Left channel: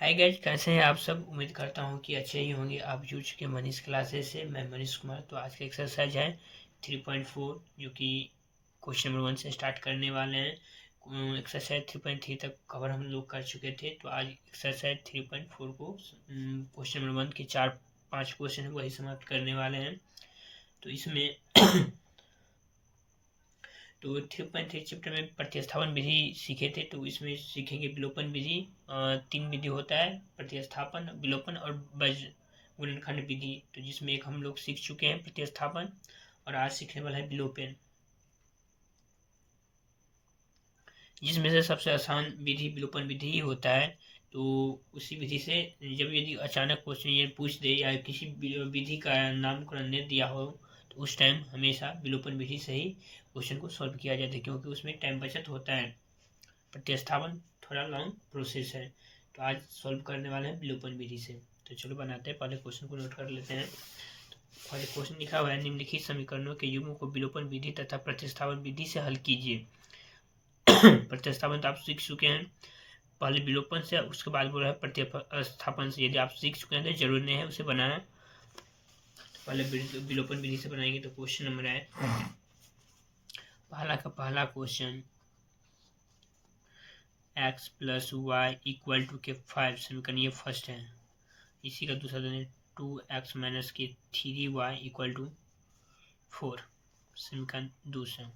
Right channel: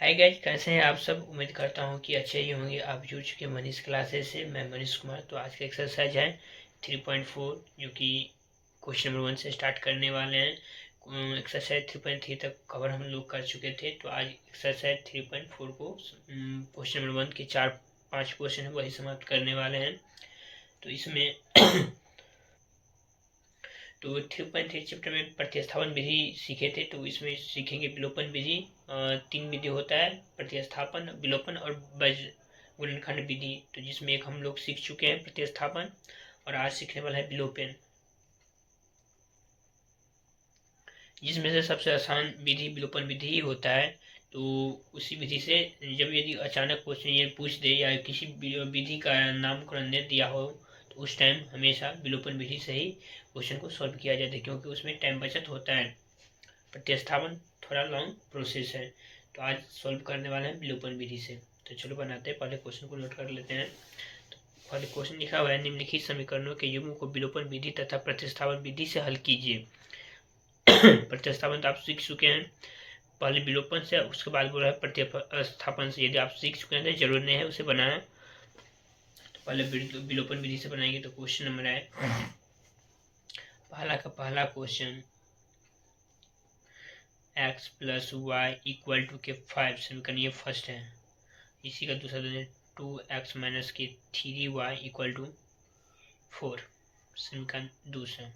Hi guys, कैसे हैं आप सब। उम्मीद करता हूँ कि अच्छे ही होंगे। आप जुड़ चुके मनीष क्लासेस से। मैं मनीष कुमार। तो आज का एक्सरसाइज है 3.4, जो कि क्वेश्चन नंबर 1 से स्टार्ट करने वाले हैं। एक्सरसाइज 3.3 तक कवर हम लोग कर चुके थे। तो आज एक्सरसाइज 3.4 को क्वेश्चन नंबर 1 के 4-5 क्वेश्चन है वही समाप्त करने वाले हैं। तो इसमें तो 3.3 चैप्टर में प्रतिस्थापन विधि सीखे थे। तो इसमें सीखेंगे विलोपन विधि। 3 विधि होता है, प्रतिस्थापन, विलोपन और गुणनखंड विधि। तो जिसमें एक हम लोग सीख चुके हैं प्रतिस्थापन, और आज सीखने वाला है विलोपन, जिसमें से सबसे आसान विधि विलोपन विधि ही होता है। तो उसी विधि से जब यदि अचानक क्वेश्चन ये पूछ दे या किसी विधि का नामकरण नहीं दिया हो, तो उस टाइम हमेशा विलोपन विधि से ही क्वेश्चन को सॉल्व किया जाता है, क्योंकि उसमें टाइम बचत होता है। प्रतिस्थापन थोड़ा लॉन्ग प्रोसेस है। तो आज सॉल्व करने वाले हैं विलोपन विधि से। तो चलो बनाते हैं। पहले क्वेश्चन को नोट कर लेते हैं। तो पहले क्वेश्चन लिखा हुआ है, निम्नलिखित समीकरणों के युग्म को विलोपन विधि तथा प्रतिस्थापन विधि से हल कीजिए। प्रतिस्थापन तो आप सीख चुके हैं, पहले विलोपन से, उसके बाद बोला है प्रतिस्थापन से। यदि आप सीख चुके हैं तो जरूर नहीं है उसे बनाना। तो पहले विलोपन विधि से बनाएंगे। तो क्वेश्चन नंबर है पहला question, x plus y equal to के 5 समीकरण, ये फर्स्ट है। इसी का दूसरा दें 2x माइनस के 3y इक्वल टू 4 समीकरण दूसरा।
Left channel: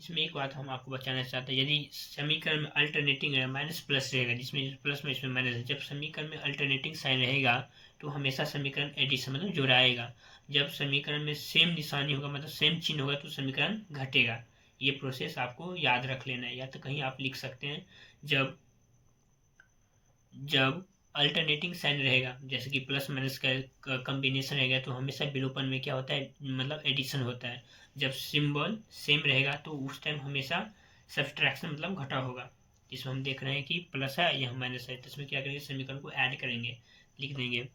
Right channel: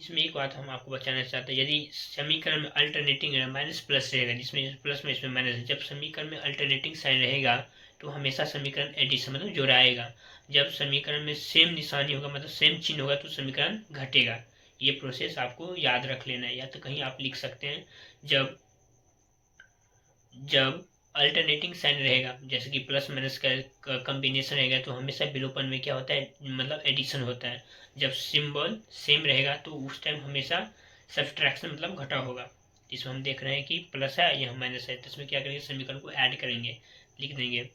इसमें एक बात हम आपको बताना चाहते हैं, यदि समीकरण में अल्टरनेटिंग माइनस प्लस रहेगा, जिसमें प्लस में इसमें माइनस, जब समीकरण में अल्टरनेटिंग साइन रहेगा तो हमेशा समीकरण एडिशन मतलब जोड़ाएगा। जब समीकरण में सेम निशानी होगा, मतलब सेम चिन्ह होगा, तो समीकरण घटेगा। ये प्रोसेस आपको याद रख लेना है, या तो कहीं आप लिख सकते हैं, जब जब अल्टरनेटिंग साइन रहेगा, जैसे कि प्लस माइनस का कम्बिनेशन रहेगा, तो हमेशा विलोपन में क्या होता है, मतलब एडिशन होता है। जब सिंबल सेम रहेगा तो उस टाइम हमेशा सब्सट्रैक्शन मतलब घटा होगा। इसमें हम देख रहे हैं कि प्लस है, यह माइनस है, तो इसमें क्या करेंगे, समीकरण को ऐड करेंगे, लिख देंगे।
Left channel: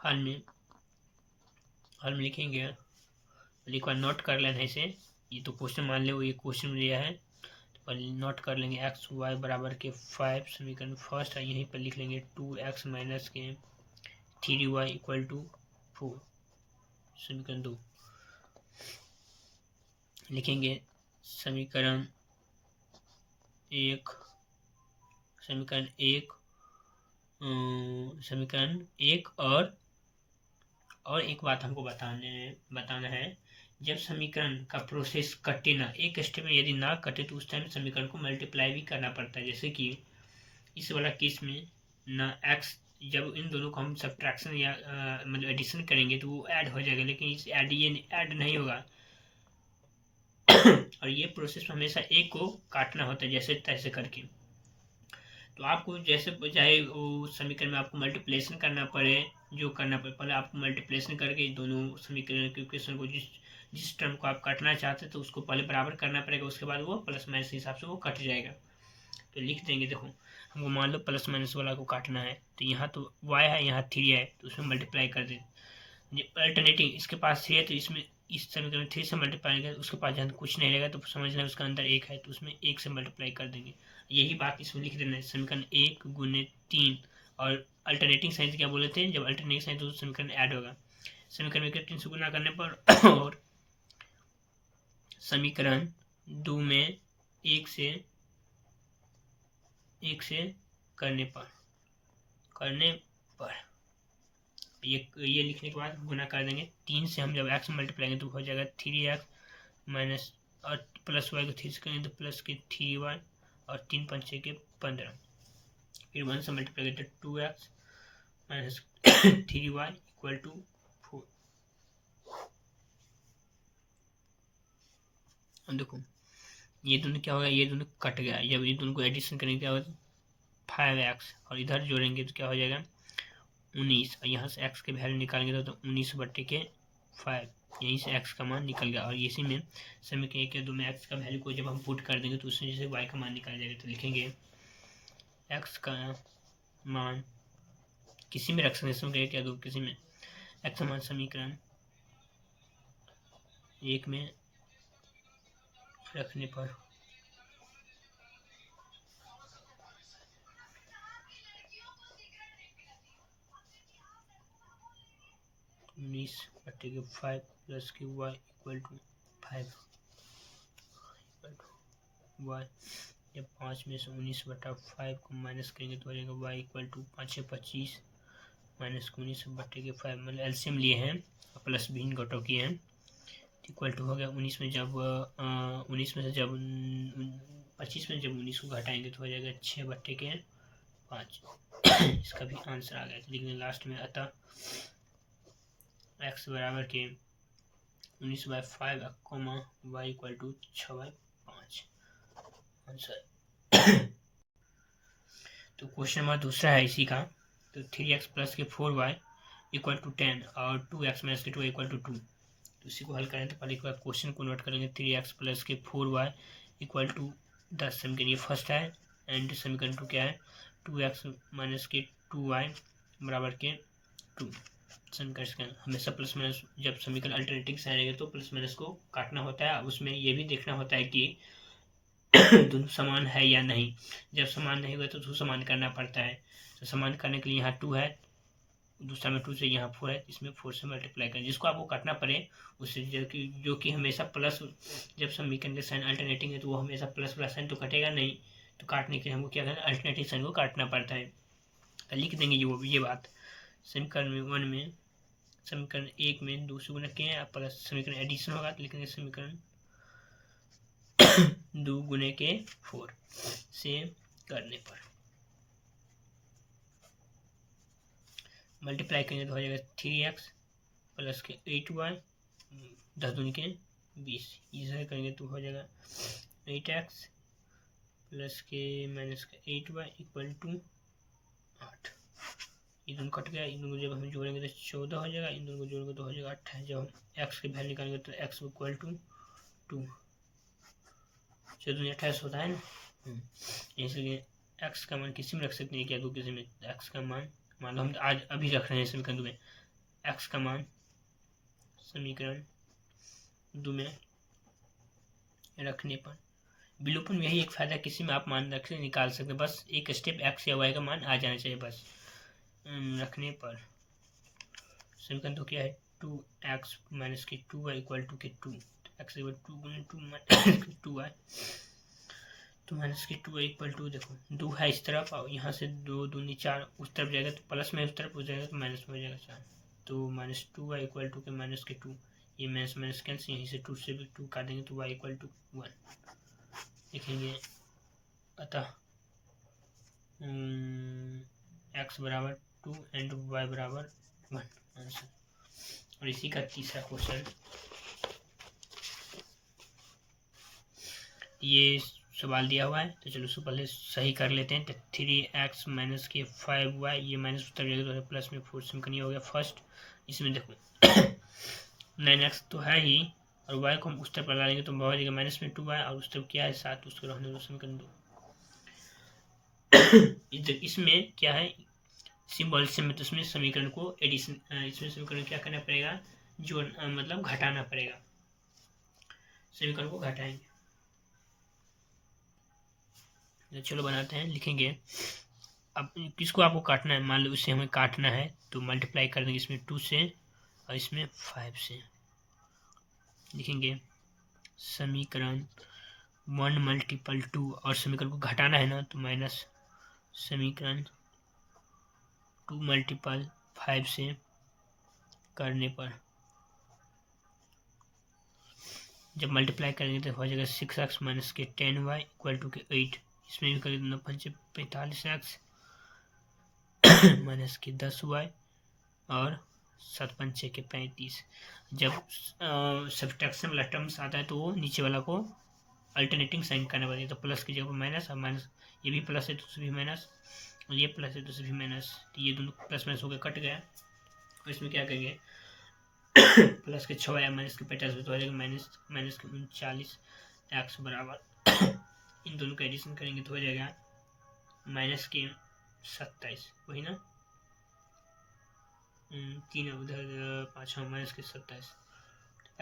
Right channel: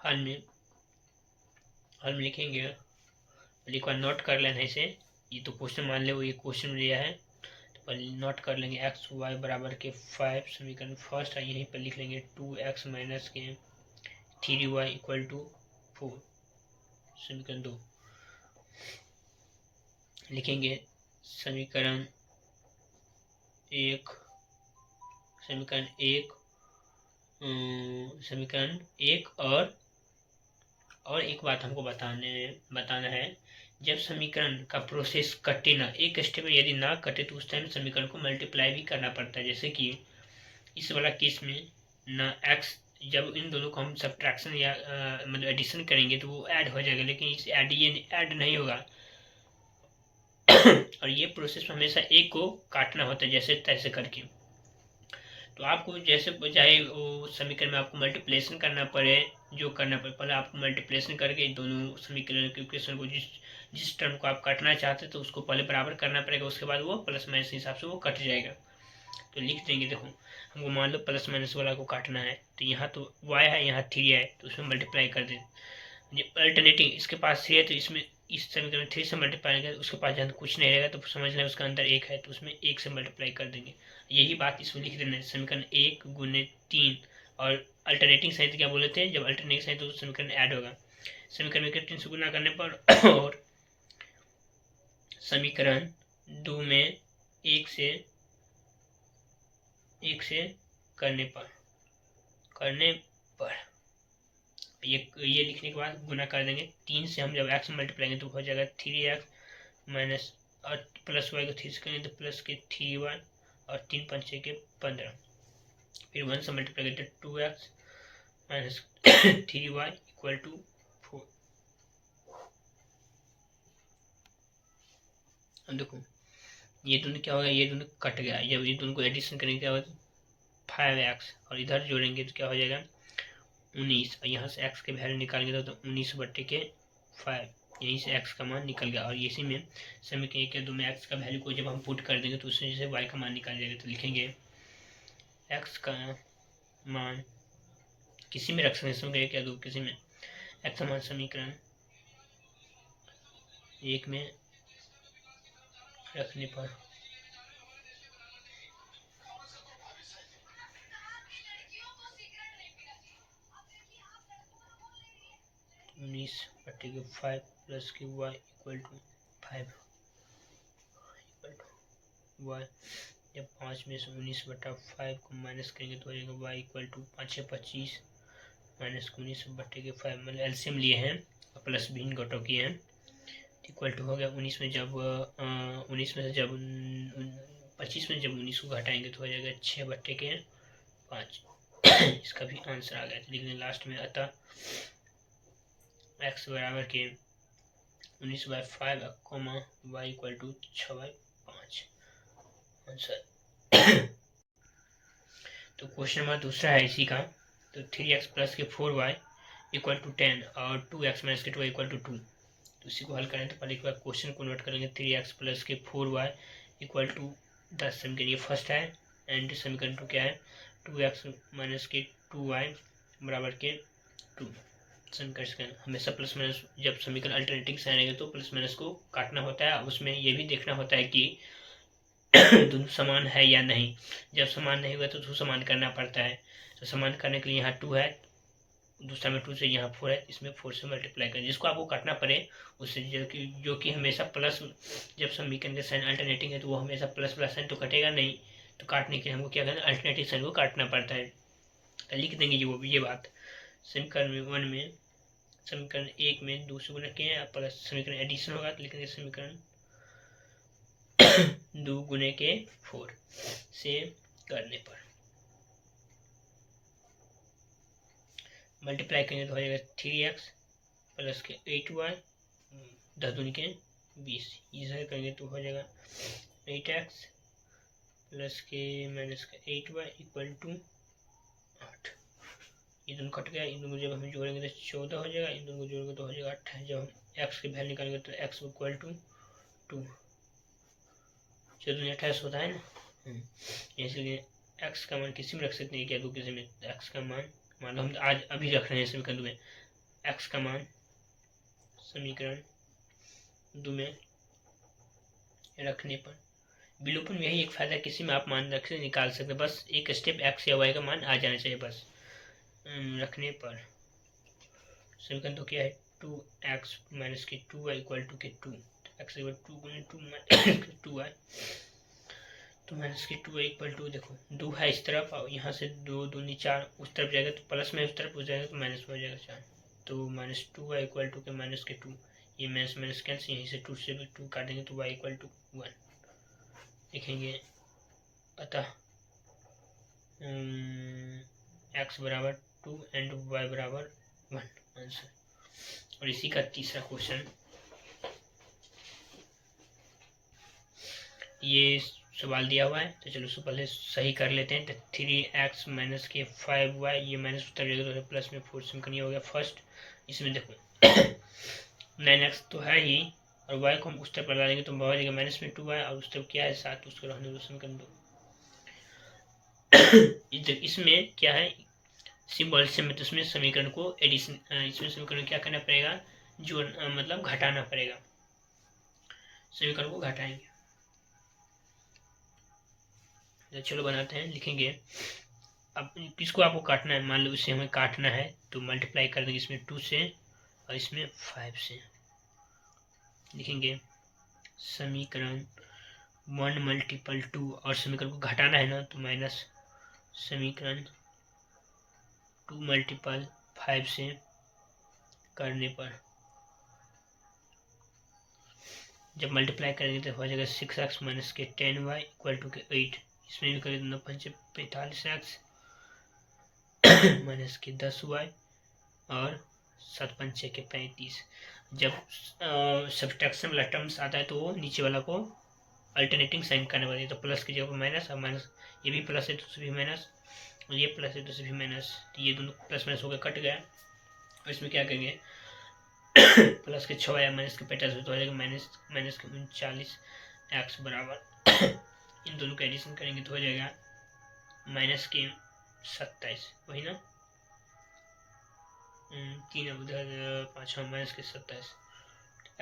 हल में लिखेंगे, एक बार नोट कर लेना इसे। ये तो क्वेश्चन मान ले, वो ये क्वेश्चन लिया है, नोट कर लेंगे। एक्स वाई बराबर के 5 समीकरण फर्स्ट है, यहीं पर लिख लेंगे 2x माइनस के 3y इक्वल टू 4 समीकरण 2 लिखेंगे। समीकरण एक समीकरण एक समीकरण एक और एक बात हमको बताना है, जब समीकरण का प्रोसेस कटे ना, एक स्टेप में यदि ना कटे, तो उस टाइम समीकरण को मल्टीप्लाई भी करना पड़ता है। जैसे कि इस वाला केस में ना एक्स, जब इन दोनों को हम सब्ट्रैक्शन या मतलब एडिशन करेंगे तो वो ऐड हो जाएगा, लेकिन इस ऐड नहीं होगा। और ये प्रोसेस में हमेशा एक को काटना होता है, जैसे तैसे करके। तो आपको जैसे चाहे वो समीकरण में आपको मल्टीप्लेशन करना पड़े, जो करना पड़े, पहले आपको मल्टीप्लेशन करके दोनों समीकरण के इक्वेशन को, जिस टर्म को आप काटना चाहते हैं, तो उसको पहले बराबर करना पड़ेगा, उसके बाद वो प्लस माइनस के हिसाब से वो कट जाएगा। तो लिख देंगे, देखो हमको मान लो प्लस माइनस वाला को काटना है, तो यहाँ तो y है, यहाँ 3 है, तो उसमें मल्टीप्लाई कर दें। अल्टरनेटिव इसके पास 3 है, तो इसमें इस समीकरण 3 से मल्टीप्लाई करें, उसके पास जहाँ कुछ नहीं रहेगा तो समझ लें उसका अंदर 1 है, तो उसमें 1 से मल्टीप्लाई कर देंगे। यही बात इसमें लिख देना है, समीकरण 1 गुने 3। और अल्टरनेटिंग साइन क्या बोले थे, जब अल्टरनेटिंग साइन तो समीकरण ऐड होगा। समीकरण में 3 से गुना करने पर और समीकरण 2 में 1 से करने पर ये लिखने के बाद गुना कर देंगे। 3 से हम जब एक्स मल्टीप्लाई करेंगे तो हो जाएगा 3x माइनस, और प्लस वाई को 3 से करेंगे तो प्लस के 3y, और 3 पंचे के 15। फिर 1 से मल्टीप्लाई करते 2x minus 3y equal to 4। अब देखो ये दोनों क्या होगा, ये दोनों कट गया, जब ये दोनों को एडिशन करेंगे क्या होगा, 5x, और इधर जोड़ेंगे तो क्या हो जाएगा 19, और यहाँ से x के वैल्यू निकालेंगे तो 19/5, यहीं से x का मान निकल गया। और इसी में समीकरण 1 या 2 में x का वैल्यू को जब हम पुट कर देंगे तो उसमें से y का मान निकाल जाएगा। तो लिखेंगे x का मान, किसी में रख सकते हैं, समीकरण 1 या 2 किसी में, x का मान समीकरण 1 में रखने पर 19/5 प्लस की y equal to 5 equal to y. जब 5 में से 19/5 को माइनस करेंगे तो हो जाएगा वाई इक्वल टू 5 से 25 माइनस 19/5 मतलब एलसीएम लिए हैं और प्लस भी इन घटों किए हैं इक्वल टू हो गया 19 में जब 19 में से जब 25 में जब 19 को घटाएंगे तो हो जाएगा 6/5 इसका भी आंसर आ गया। लिखने लास्ट में अतः x बराबर के 19/5 comma y equal to 6/5 answer. तो क्वेश्चन नंबर दूसरा है इसी का। तो 3x प्लस के 4y इक्वल टू 10 और 2x माइनस के 2 इक्वल टू 2। तो इसी को हल करें तो पहले एक बार क्वेश्चन को नोट करेंगे। 3x प्लस के 4y इक्वल टू 10 समीकरण ये फर्स्ट है एंड समीकरण 2 क्या है 2x माइनस के 2y बराबर के 2। समीकरण हमेशा प्लस माइनस जब समीकरण अल्टरनेटिंग साइन आएगा तो प्लस माइनस को काटना होता है। उसमें ये भी देखना होता है कि दोनों समान है या नहीं। जब समान नहीं हुआ तो उसको समान करना पड़ता है। तो समान करने के लिए यहाँ 2 है दूसरा में 2 से यहाँ 4 है इसमें 4 से मल्टीप्लाई करें जिसको आपको काटना पड़े उससे जो कि हमेशा प्लस जब समीकरण के साइन अल्टरनेटिंग है तो वो हमेशा प्लस प्लस साइन तो कटेगा नहीं। तो काटने के लिए हमको क्या करना है अल्टरनेटिव साइन को काटना पड़ता है। तो लिख देंगे ये बात समीकरण 1 में समीकरण 1 में 2 से गुना किए प्लस समीकरण एडिशन होगा तो लिखेंगे समीकरण 2 गुने के 4 से करने पर मल्टीप्लाई करेंगे तो हो जाएगा 3x प्लस के 8y 10 दूनी के 20 इधर करेंगे तो हो जाएगा 8x प्लस के माइनस का 8y इक्वल टू 8। ये दोनों कट गया इन दोनों जब हम जोड़ेंगे तो 14 हो जाएगा इन दोनों को जोड़ेंगे तो हो जाएगा 28। जब हम x की वैल्यू निकालेंगे तो x इक्वल टू 2 14 28 होता है ना। इसलिए x का मान किसी में रख सकते हैं क्या दो किसी में x का मान मान लो हम आज अभी रख रहे हैं समीकरण 2 में x का मान समीकरण 2 में रखने पर विलोपन में यही एक फायदा किसी में आप मान रख से निकाल सकते बस एक स्टेप x या y का मान आ जाना चाहिए बस रखने पर समीकरण तो क्या है 2x माइनस के 2y इक्वल टू के 2 x इक्वल 2 गुने 2 माइनस 2y तो माइनस के 2 इक्वल टू देखो 2 है इस तरफ और यहाँ से 2 दूनी 4 उस तरफ जाएगा तो प्लस में उस तरफ हो जाएगा तो माइनस में हो जाएगा 4 तो माइनस 2y इक्वल टू के माइनस के 2 ये माइनस माइनस कैंसिल यहीं से 2 से भी 2 काटेंगे तो y इक्वल टू 1 लिखेंगे। अतः x बराबर 2 एंड y बराबर 1 आंसर। और इसी का तीसरा क्वेश्चन ये सवाल दिया हुआ है तो चलो उसको पहले सही कर लेते हैं। तो 3x माइनस के 5y ये माइनस उतर जाएगा तो प्लस में 4 समीकरण हो गया फर्स्ट। इसमें देखो 9x तो है ही और y को हम उस तरफ लगा देंगे तो हो जाएगा माइनस में 2y और उस तरफ क्या है 7 उसको रहने दो समीकरण 2। इसमें क्या है सिंबल से मतलब इसमें समीकरण को एडिशन इसमें समीकरण क्या करना पड़ेगा जो मतलब घटाना पड़ेगा समीकरण को घटाएंगे। चलो बनाते हैं लिखेंगे। अब किसको आपको काटना है मान लो इसे हमें काटना है तो मल्टीप्लाई कर देंगे इसमें 2 से और इसमें 5 से लिखेंगे समीकरण 1 मल्टीपल 2 और समीकरण को घटाना है ना तो माइनस समीकरण 2 मल्टीपल 5 से करने पर जब मल्टीप्लाई करेंगे तो हो जाएगा 6x माइनस के 10y इक्वल टू के 8। इसमें भी करेंगे 9 5 45x माइनस के 10y और 7 5 6 के 35। जब सब्ट्रैक्शन वाला टर्म्स आता है तो वो नीचे वाला को अल्टरनेटिंग साइन करना पड़ता है तो प्लस की जगह माइनस और माइनस ये भी प्लस है तो उससे भी माइनस और ये प्लस है तो उससे भी माइनस तो ये दोनों प्लस माइनस होकर कट गया। और इसमें क्या करेंगे प्लस के 6 या माइनस के 50 तो हो जाएगा माइनस के 39 x बराबर इन दोनों का एडिशन करेंगे तो हो जाएगा माइनस के 27 वही ना 3 उधर 5 माइनस के 27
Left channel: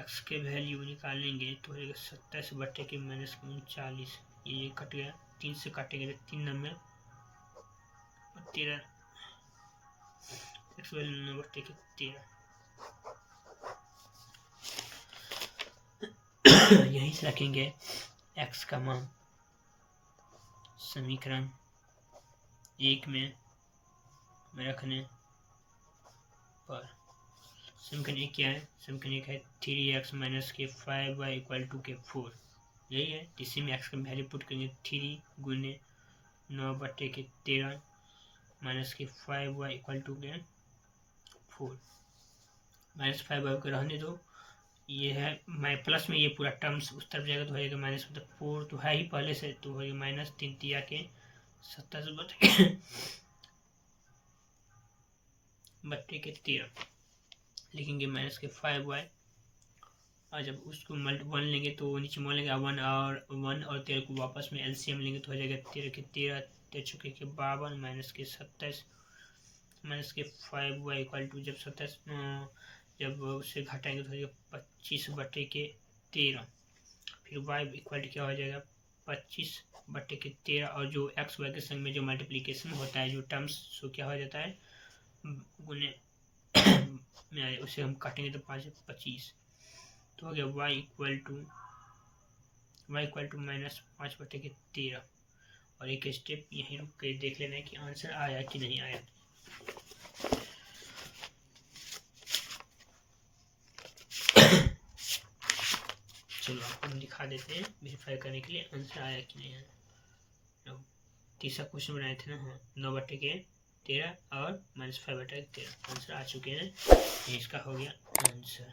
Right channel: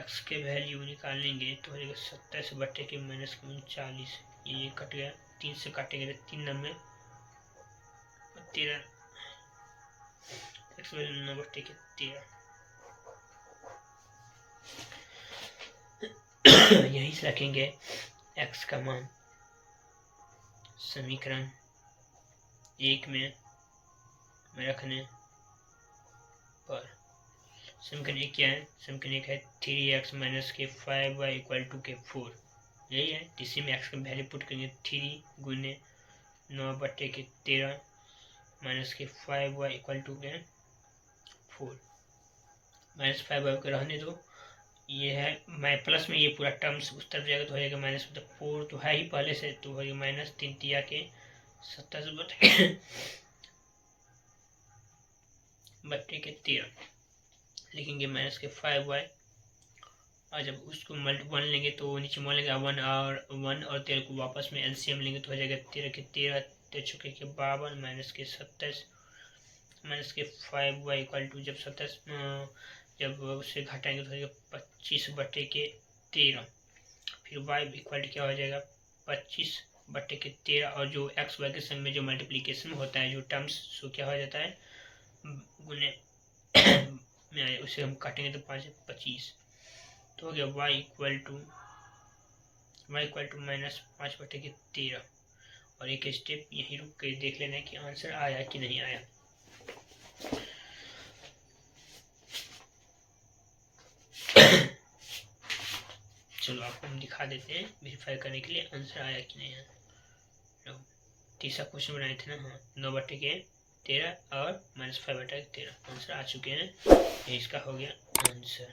x के वैल्यू निकालेंगे तो हो जाएगा 27 बटे के माइनस के 39 ये कट गया 3 से काटेंगे 3 नंबर 13 x वैल्यू 9 बटे के 13 यहीं से रखेंगे x का मान समीकरण 1 में रखने पर। समीकरण 1 क्या है? समीकरण 1 है 3x माइनस के 5y इक्वल टू के 4, यही है। इसी में x का वैल्यू पुट करेंगे 3 गुने 9/13 माइनस के 5y इक्वल टू के 4। माइनस 5y को रहने दो, ये है मैं प्लस में, ये पूरा टर्म्स उस तरफ जाएगा तो हो जाएगा माइनस, मतलब 4 तो है ही पहले से, तो हो जाएगा माइनस 3 तिया के 27/13 लिखेंगे माइनस के 5y। और जब उसको 1 लेंगे तो नीचे मान लेंगे 1 और 13 को वापस में एलसीएम लेंगे तो हो जाएगा 13 के 13 13 के 52 माइनस के 27 माइनस के 5y इक्वल टू जब 27 जब उसे घटाएंगे तो हो जाएगा 25/13। फिर y इक्वल टू क्या हो जाएगा 25/13, और जो एक्स वाई के संग में जो मल्टीप्लीकेशन होता है जो टर्म्स, सो क्या हो जाता है गुने में उसे हम काटेंगे तो 5/25, तो हो गया y इक्वल टू माइनस 5/13। और एक स्टेप यहीं रुक के देख लेना कि आंसर आया कि नहीं आया। चलो आपको हम दिखा देते हैं वेरीफाई करने के लिए आंसर आया कि नहीं आया। तीसरा क्वेश्चन बनाए थे ना, हाँ 9/13 और माइनस 5/13 आंसर आ चुके हैं, ये इसका हो गया आंसर।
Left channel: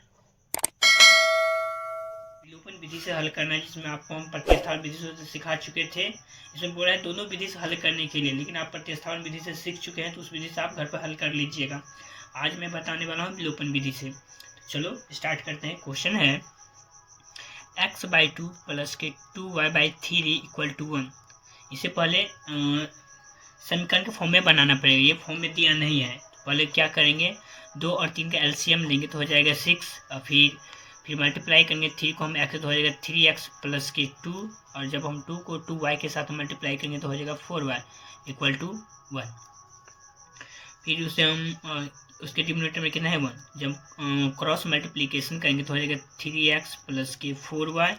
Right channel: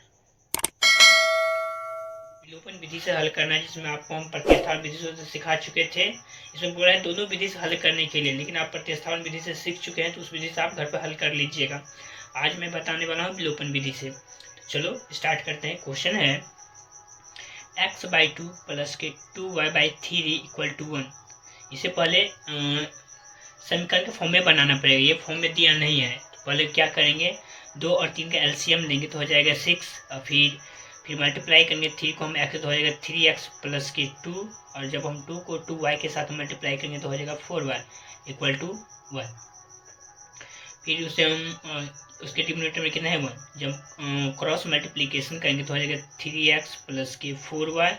विलोपन विधि से हल करना है, जिसमें आपको हम प्रतिस्थापन विधि से सिखा चुके थे। इसमें बोला है दोनों विधि से हल करने के लिए, लेकिन आप प्रतिस्थापन विधि से सीख चुके हैं तो उस विधि से आप घर पर हल कर लीजिएगा। आज मैं बताने वाला हूँ विलोपन विधि से। चलो स्टार्ट करते हैं। क्वेश्चन है x/2 प्लस के 2y/3 इक्वल टू 1। इसे पहले समीकरण के फॉर्म में बनाना पड़ेगा, ये फॉर्म में दिया नहीं है। तो पहले क्या करेंगे, 2 और 3 का एलसीएम लेंगे तो हो जाएगा 6, और फिर मल्टीप्लाई करेंगे 3 को हम x तो हो जाएगा 3x प्लस के 2, और जब हम 2 को 2y के साथ मल्टीप्लाई करेंगे तो हो जाएगा 4y इक्वल टू 1। फिर उसे हम उसके डिनोमिनेटर में कितना है 1, जब क्रॉस मल्टीप्लीकेशन करेंगे तो हो जाएगा 3x प्लस के 4y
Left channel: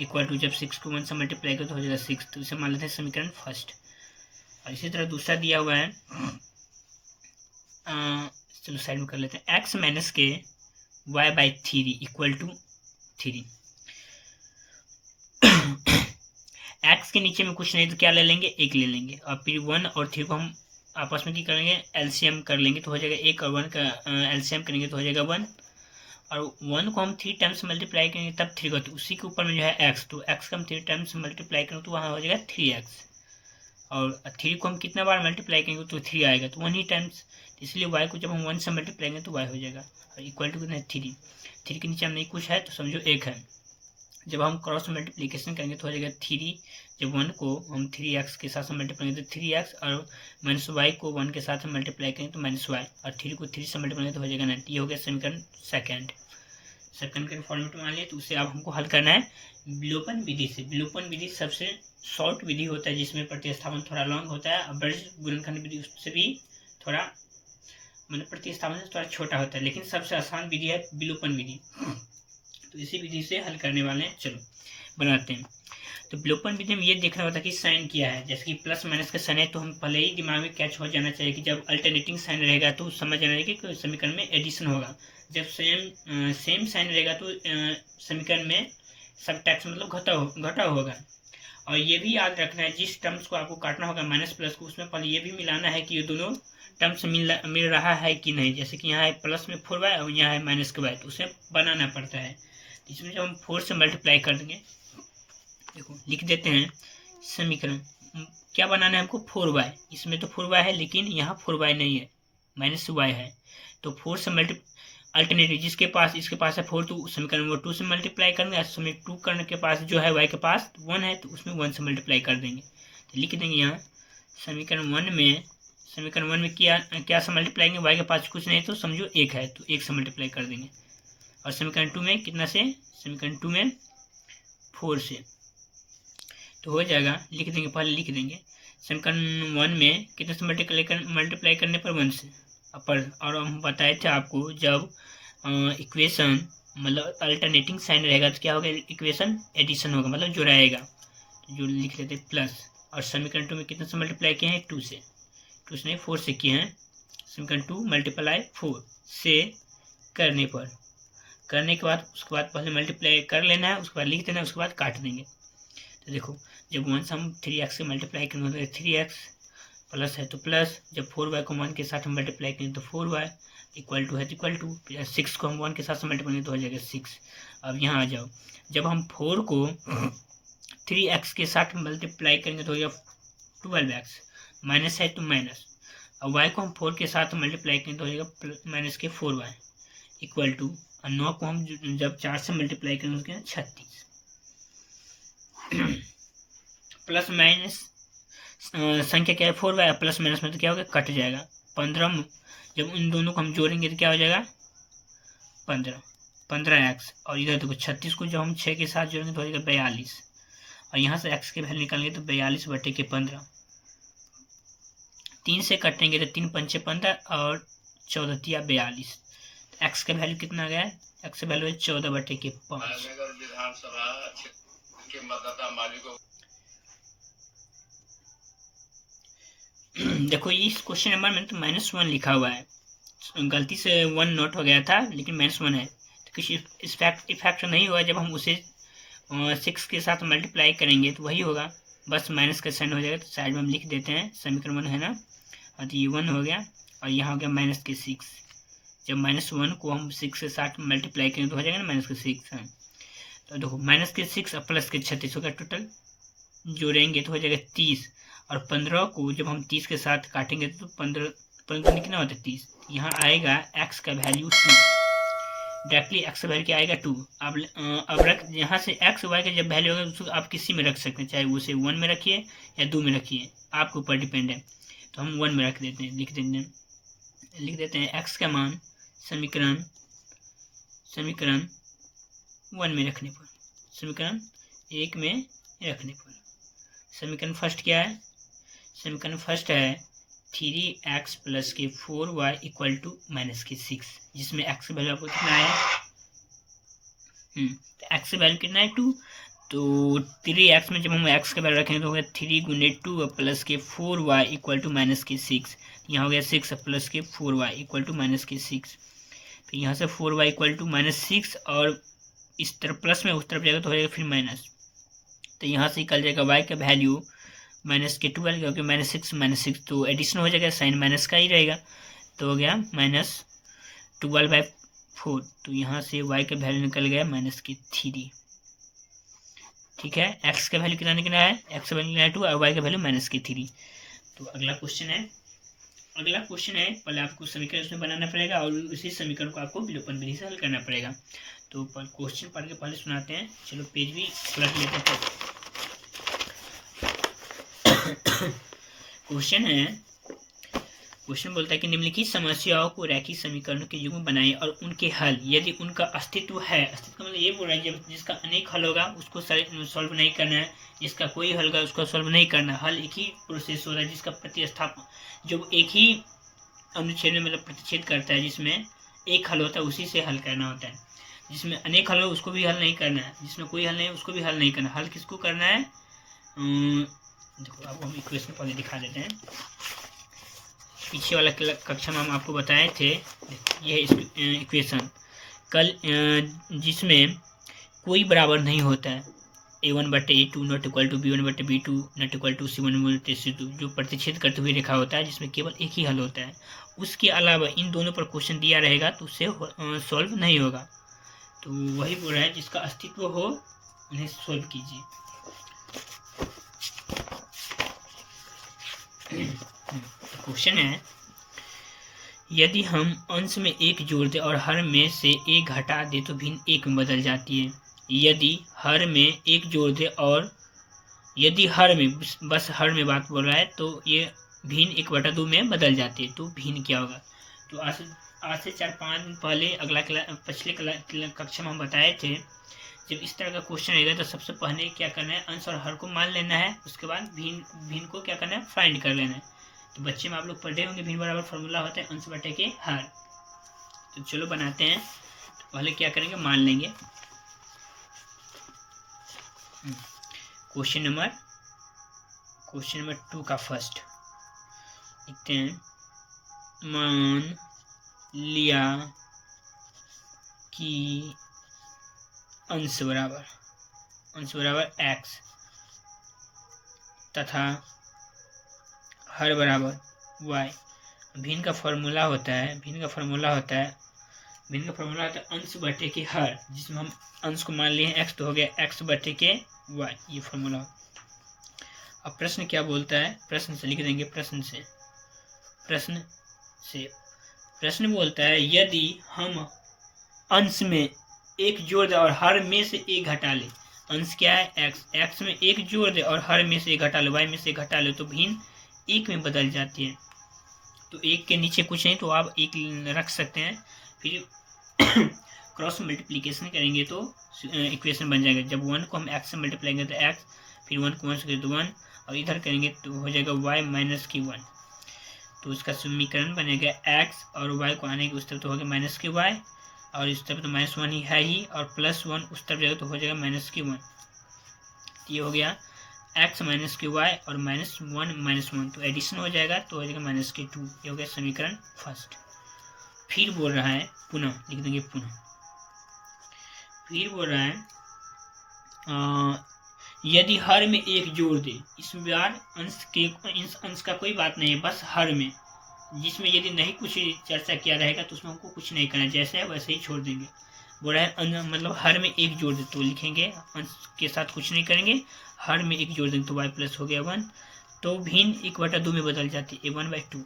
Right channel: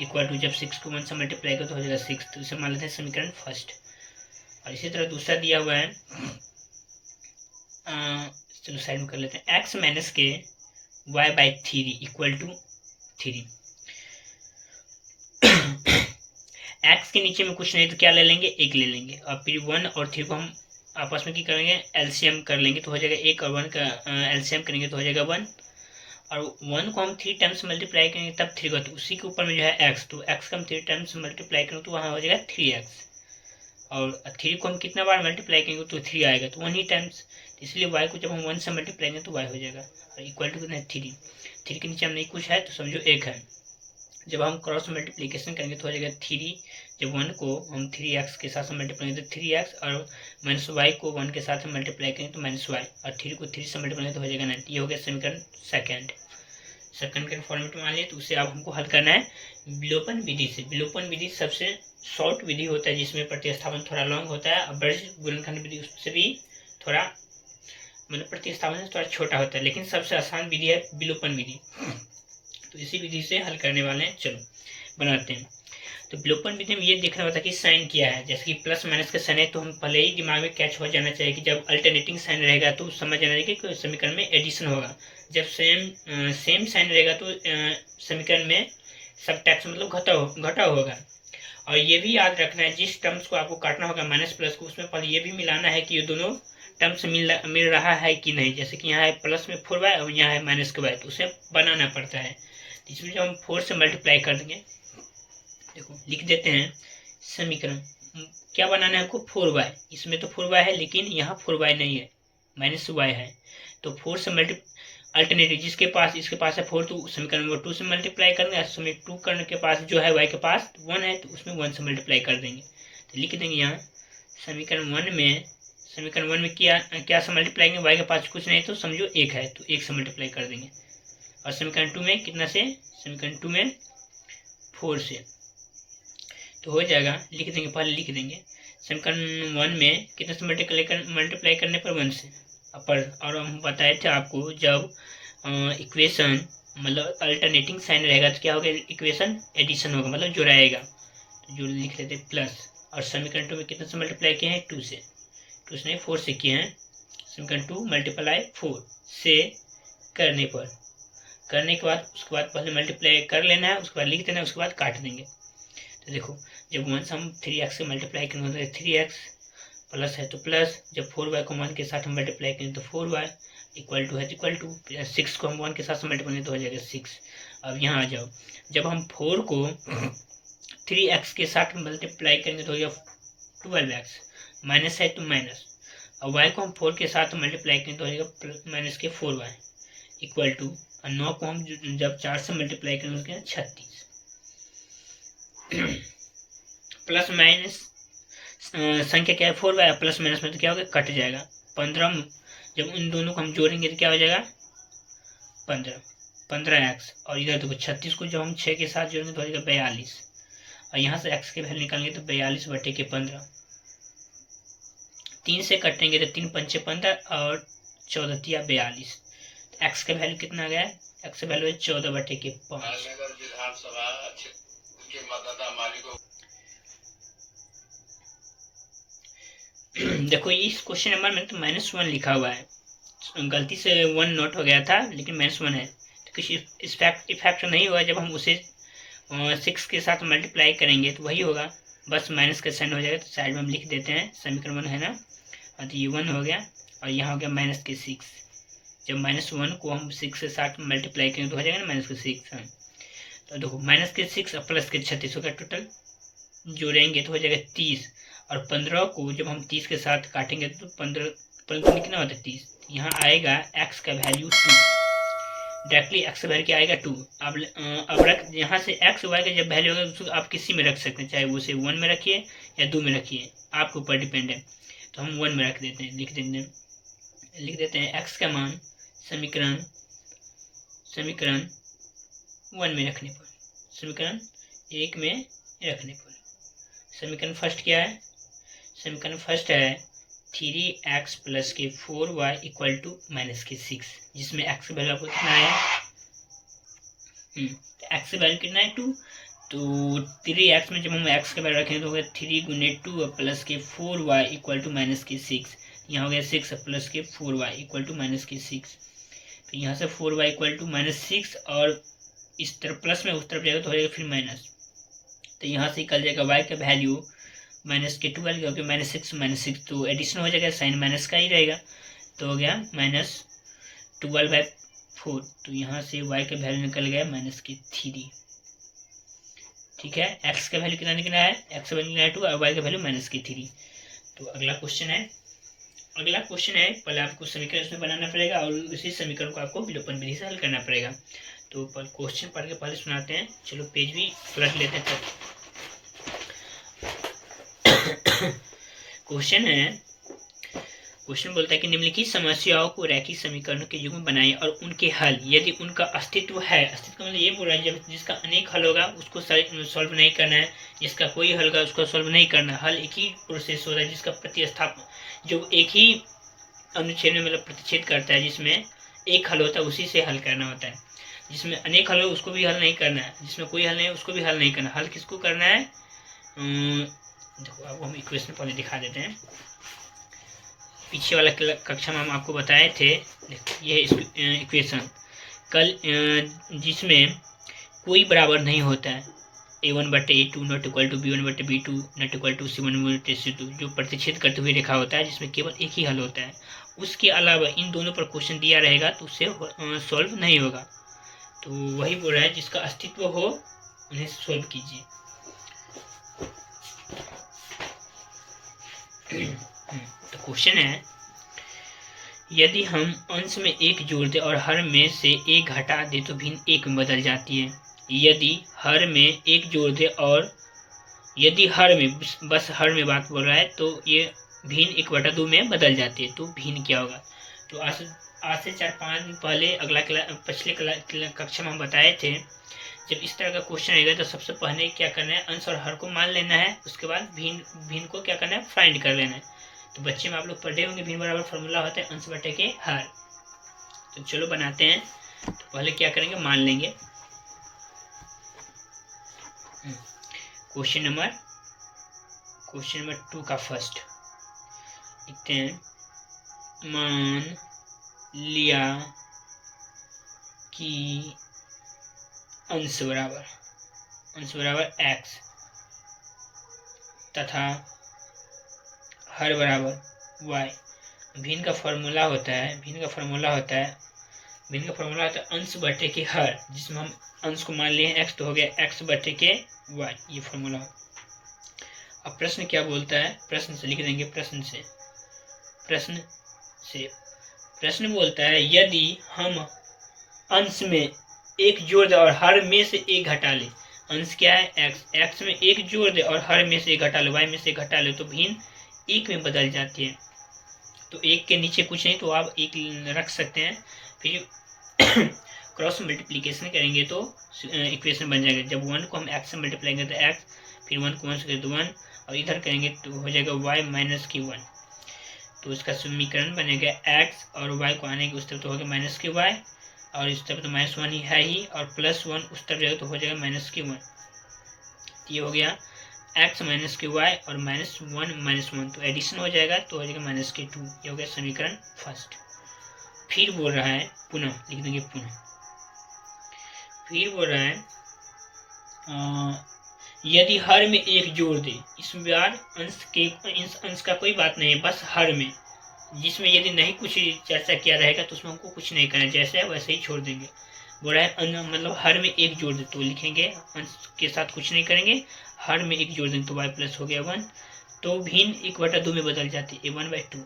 इक्वल टू, जब 6 को 1 से मल्टीप्लाई करें तो हो जाएगा 6, तो इसे मान लेते हैं समीकरण फर्स्ट। और इसी तरह दूसरा दिया हुआ है, चलो साइड में कर लेते हैं, x माइनस के y/3 इक्वल टू 3। x के नीचे में कुछ नहीं तो क्या ले लेंगे, 1 ले लेंगे, और फिर 1 और 3 को हम आपस में क्या करेंगे, एलसीएम कर लेंगे तो हो जाएगा 1 और 1 का एलसीएम करेंगे तो हो जाएगा 1, और 1 को हम 3 टाइम्स मल्टीप्लाई करेंगे तब 3 होती है, उसी के ऊपर में जो है x, तो x को हम 3 टाइम्स मल्टीप्लाई करेंगे तो वहाँ हो जाएगा 3x, और 3 को हम कितना बार मल्टीप्लाई करेंगे तो 3 आएगा, तो 1 ही टाइम्स, इसलिए y को जब हम 1 से मल्टीप्लाई करेंगे तो y हो जाएगा, और इक्वल टू कितना है 3। 3 के नीचे हम नहीं कुछ है तो समझो 1 है। जब हम क्रॉस मल्टीप्लिकेशन करेंगे तो हो जाएगा 3, जब 1 को हम 3x के साथ मल्टीप्लाई करेंगे तो 3x, और माइनस y को 1 के साथ मल्टीप्लाई करेंगे तो माइनस y, और 3 को 3 से मल्टीप्लाई तो हो जाएगा 9। ये हो गया समीकरण सेकंड के फॉर्मेट में मान लिया। तो उसे अब हमको हल करना है विलोपन विधि से। विलोपन विधि सबसे शॉर्ट विधि होता है, जिसमें प्रतिस्थापन थोड़ा लॉन्ग होता है, और ब्रज गुणनखंड विधि उससे भी थोड़ा मतलब प्रतिस्थापन से थोड़ा छोटा होता है, लेकिन सबसे आसान विधि है विलोपन विधि। तो इसी विधि से हल करने वाले हैं, चलो बनाते हैं। तो विलोपन विधि में ये देखना होता है कि साइन क्या है, जैसे कि प्लस माइनस का साइन है तो हम पहले ही दिमाग में कैच हो जाना चाहिए कि जब अल्टरनेटिंग साइन रहेगा तो समझ जाना चाहिए कि समीकरण में एडिशन होगा। जब सेम साइन रहेगा तो समीकरण में सबट्रैक्शन मतलब घटा होगा। और ये भी याद रखना है, जिस टर्म्स को आपको काटना होगा माइनस प्लस को, उसमें पहले ये भी मिलाना है कि ये दोनों टर्म्स मिल रहा है कि नहीं। जैसे कि यहाँ है प्लस में 4y और यहाँ है माइनस के y, तो उसे बनाना पड़ता है। इसमें जब हम 4 से मल्टीप्लाई कर देंगे, देखो लिख देते हैं समीकरण, क्या बनाना है हमको 4y, इसमें तो 4y है लेकिन यहाँ 4y नहीं है, माइनस y है, तो 4 से अल्टरनेटिव जिसके पास इसके पास है 4, तो समीकरण वो 2 से मल्टीप्लाई करेंगे, समीकरण 2 करने के पास जो है y के पास 1 है तो उसमें 1 से मल्टीप्लाई कर देंगे। तो लिख देंगे यहाँ समीकरण 1 में क्या से मल्टीप्लाई करेंगे, y के पास कुछ नहीं तो समझो 1 है तो 1 से मल्टीप्लाई कर देंगे, और समीकरण 2 में कितना से, समीकरण 2 में 4 से, तो हो जाएगा। लिख देंगे, पहले लिख देंगे समीकरण 1 में कितने से मल्टीप्लाई करने पर 1 से अपर। और हम बताए थे आपको जब इक्वेशन मतलब अल्टरनेटिंग साइन रहेगा तो क्या होगा, इक्वेशन एडिशन होगा, मतलब जुड़ाएगा। तो जो लिख लेते प्लस, और समीकरण 2 में कितने से मल्टीप्लाई किए हैं, 2 से, 2 से 4 से किए हैं। समीकरण 2 मल्टीप्लाई 4 से करने के बाद उसके बाद पहले मल्टीप्लाई कर लेना है, उसके बाद लिख देना है, उसके बाद काट देंगे। तो देखो जब 1 से हम 3x से मल्टीप्लाई करेंगे तो 3x प्लस है तो प्लस, जब 4y को 1 के साथ मल्टीप्लाई करें तो 4y इक्वल टू है तो इक्वल टू, 6 को हम 1 के साथ मल्टीप्लाई करें तो हो जाएगा 6। अब यहाँ आ जाओ, जब हम 4 को 3x के साथ मल्टीप्लाई करेंगे तो हो जाएगा 12x, माइनस है तो माइनस, और y को हम 4 के साथ मल्टीप्लाई करें तो हो जाएगा माइनस के 4y इक्वल टू, और 9 को हम जब 4 से मल्टीप्लाई करेंगे तो 36। प्लस माइनस संख्या क्या है 4y, प्लस माइनस में तो क्या होगा, कट जाएगा। 15 जब इन दोनों को हम जोड़ेंगे तो क्या हो जाएगा 15x, और इधर देखो 36 को जब हम 6 के साथ जोड़ेंगे तो हो जाएगा 42, और यहाँ से x के वैल्यू निकालेंगे तो 42/15, 3 से कटेंगे तो 3 पंचे 15 और 14 तिया 42, तो x का वैल्यू कितना आ गया है, x का वैल्यू है 14/5। देखो इस क्वेश्चन नंबर में तो -1 लिखा हुआ है, गलती से 1 नोट हो गया था, लेकिन -1 है, तो कुछ इफेक्ट नहीं होगा। जब हम उसे 6 के साथ मल्टीप्लाई करेंगे तो वही होगा, बस माइनस का साइन हो जाएगा। तो साइड में हम लिख देते हैं, समीकरण 1 है ना, और ये 1 हो गया, और यहाँ हो गया -6। जब -1 को हम 6 के साथ मल्टीप्लाई करेंगे तो हो जाएगा ना -6। तो देखो -6 और प्लस के 36 होगा, टोटल जोड़ेंगे तो हो जाएगा 30, और 15 को जब हम 30 के साथ काटेंगे तो 15 कितना होता है 30, यहाँ आएगा x का वैल्यू 2, डायरेक्टली x का वैल्यू क्या आएगा 2। अब रख यहाँ से x y का जब वैल्यू होगा उसको आप किसी में रख सकते हैं, चाहे उसे 1 में रखिए या 2 में रखिए, आपके ऊपर डिपेंड है। तो हम 1 में रख देते हैं, लिख देते हैं x का मान समीकरण 1 में रखने पर, समीकरण 1 में रखने पर, समीकरण फर्स्ट क्या है, समीकरण फर्स्ट है 3x प्लस के 4y इक्वल टू -6, जिसमें x वैल्यू आपको कितना है, x वैल्यू कितना है 2, तो 3x में जब हम x का वैल्यू रखेंगे तो होगा 3 गुने 2 प्लस के 4y इक्वल टू -6, यहाँ हो गया 6 प्लस के 4y इक्वल टू -6। तो यहाँ से 4y इक्वल टू -6, और इस तरफ प्लस में उस तरफ जाएगा तो हो जाएगा फिर माइनस, तो यहाँ से निकल जाएगा y का वैल्यू -12, क्योंकि -6 तो एडिशन हो जाएगा, साइन माइनस का ही रहेगा, तो हो गया -12/4। तो यहाँ से y का वैल्यू निकल गया -3। ठीक है, x का वैल्यू कितना निकला है, x का वैल्यू निकला है 2 और y का वैल्यू -3। तो अगला क्वेश्चन है, पहले आपको समीकरण इसमें बनाना पड़ेगा और उसी समीकरण को आपको विलोपन विधि से हल करना पड़ेगा। तो क्वेश्चन पढ़ के पहले सुनाते हैं, चलो पेज भी पलट लेते हैं। क्वेश्चन बोलता है कि निम्नलिखित समस्याओं को रैखिक समीकरणों के युग्म बनाएं और उनके हल, यदि उनका अस्तित्व है, अस्तित्व मतलब ये बोल रहा है जब जिसका अनेक हल होगा उसको सॉल्व नहीं करना है, जिसका कोई हल होगा उसको सॉल्व नहीं करना। हल एक ही प्रोसेस होता है जिसका प्रतिस्थापन, जो एक ही अनुच्छेद में मतलब प्रतिच्छेद करता है, जिसमें एक हल होता है उसी से हल करना होता है। जिसमें अनेक हल हो उसको भी हल नहीं करना है, जिसमें कोई हल नहीं है उसको भी हल नहीं करना। हल किसको करना है, देखो आपको हम इक्वेशन पहले दिखा देते हैं। पीछे वाला कक्षा में हम आपको बताए थे, ये इक्वेशन कल, जिसमें कोई बराबर नहीं होता है, a1/a2 not equal to b1/b2 not equal to c1/c2, जो प्रतिच्छेद करते हुए रेखा होता है जिसमें केवल एक ही हल होता है। उसके अलावा इन दोनों पर क्वेश्चन दिया रहेगा तो उससे सॉल्व नहीं होगा। तो वही बोल रहा है जिसका अस्तित्व हो उन्हें सॉल्व कीजिए। तो क्वेश्चन है, यदि हम अंश में 1 जोड़ दें और हर में से 1 घटा दें तो भिन्न 1 में बदल जाती है। यदि हर में 1 जोड़ दें और यदि हर में, बस हर में बात बोल रहा है, तो ये भिन्न 1/2 में बदल जाती है। तो भिन्न क्या होगा, तो आज से 4-5 दिन पहले पिछले कक्षा में हम बताए थे, जब इस तरह का क्वेश्चन आएगा तो सबसे पहले क्या करना है, अंश और हर को मान लेना है, उसके बाद भिन्न को क्या करना है, फाइंड कर लेना है। तो बच्चे में आप लोग पढ़े होंगे भिन्न बराबर फॉर्मूला होता है अंश बटे के हर। तो चलो बनाते हैं। तो पहले क्या करेंगे, मान लेंगे। क्वेश्चन नंबर 2 का फर्स्ट लिखते हैं, मान लिया कि अंश बराबर x तथा हर बराबर y। भिन्न का फॉर्मूला होता है अंश बटे के हर, जिसमें हम अंश को मान लिए हैं x, तो हो गया x बटे के y, ये फॉर्मूला। अब प्रश्न क्या बोलता है, प्रश्न से लिख देंगे। प्रश्न बोलता है, यदि हम अंश में एक जोड़ दे और हर में से एक घटा ले। अंश क्या है, x में एक जोड़ दे और हर में से एक घटा ले, y में से एक घटा ले, तो भिन्न एक में बदल जाती है। तो एक के नीचे कुछ नहीं तो आप एक रख सकते हैं। फिर क्रॉस मल्टीप्लिकेशन करेंगे तो इक्वेशन बन जाएगा। जब 1 को हम x से मल्टीप्लाई करेंगे तो x, फिर 1 को 1 से करेंगे तो 1, और इधर करेंगे तो हो जाएगा y माइनस की 1। तो इसका समीकरण बनेगा x और y को आने के उस तरफ तो हो गया माइनस की y, और इस तरफ तो -1 ही है ही, और +1 उस तरफ जाएगा तो हो जाएगा माइनस की 1। ये हो गया x माइनस की y और -1 तो एडिशन हो जाएगा तो हो जाएगा माइनस की 2। ये हो गया समीकरण फर्स्ट। फिर बोल रहा है, पुनः लिख देंगे फिर बोल रहा है, यदि हर में एक जोड़ दे। इस बार अंश का कोई बात नहीं है, बस हर में, जिसमें यदि नहीं कुछ चर्चा किया रहेगा तो उसमें हमको कुछ नहीं करना, जैसे है वैसे ही छोड़ देंगे। बोल रहा है मतलब हर में एक जोड़ दे तो लिखेंगे, अंश के साथ कुछ नहीं करेंगे, हर में एक जोड़ देंगे तो y प्लस हो गया 1, तो भिन्न 1/2 में बदल जाती है, 1/2।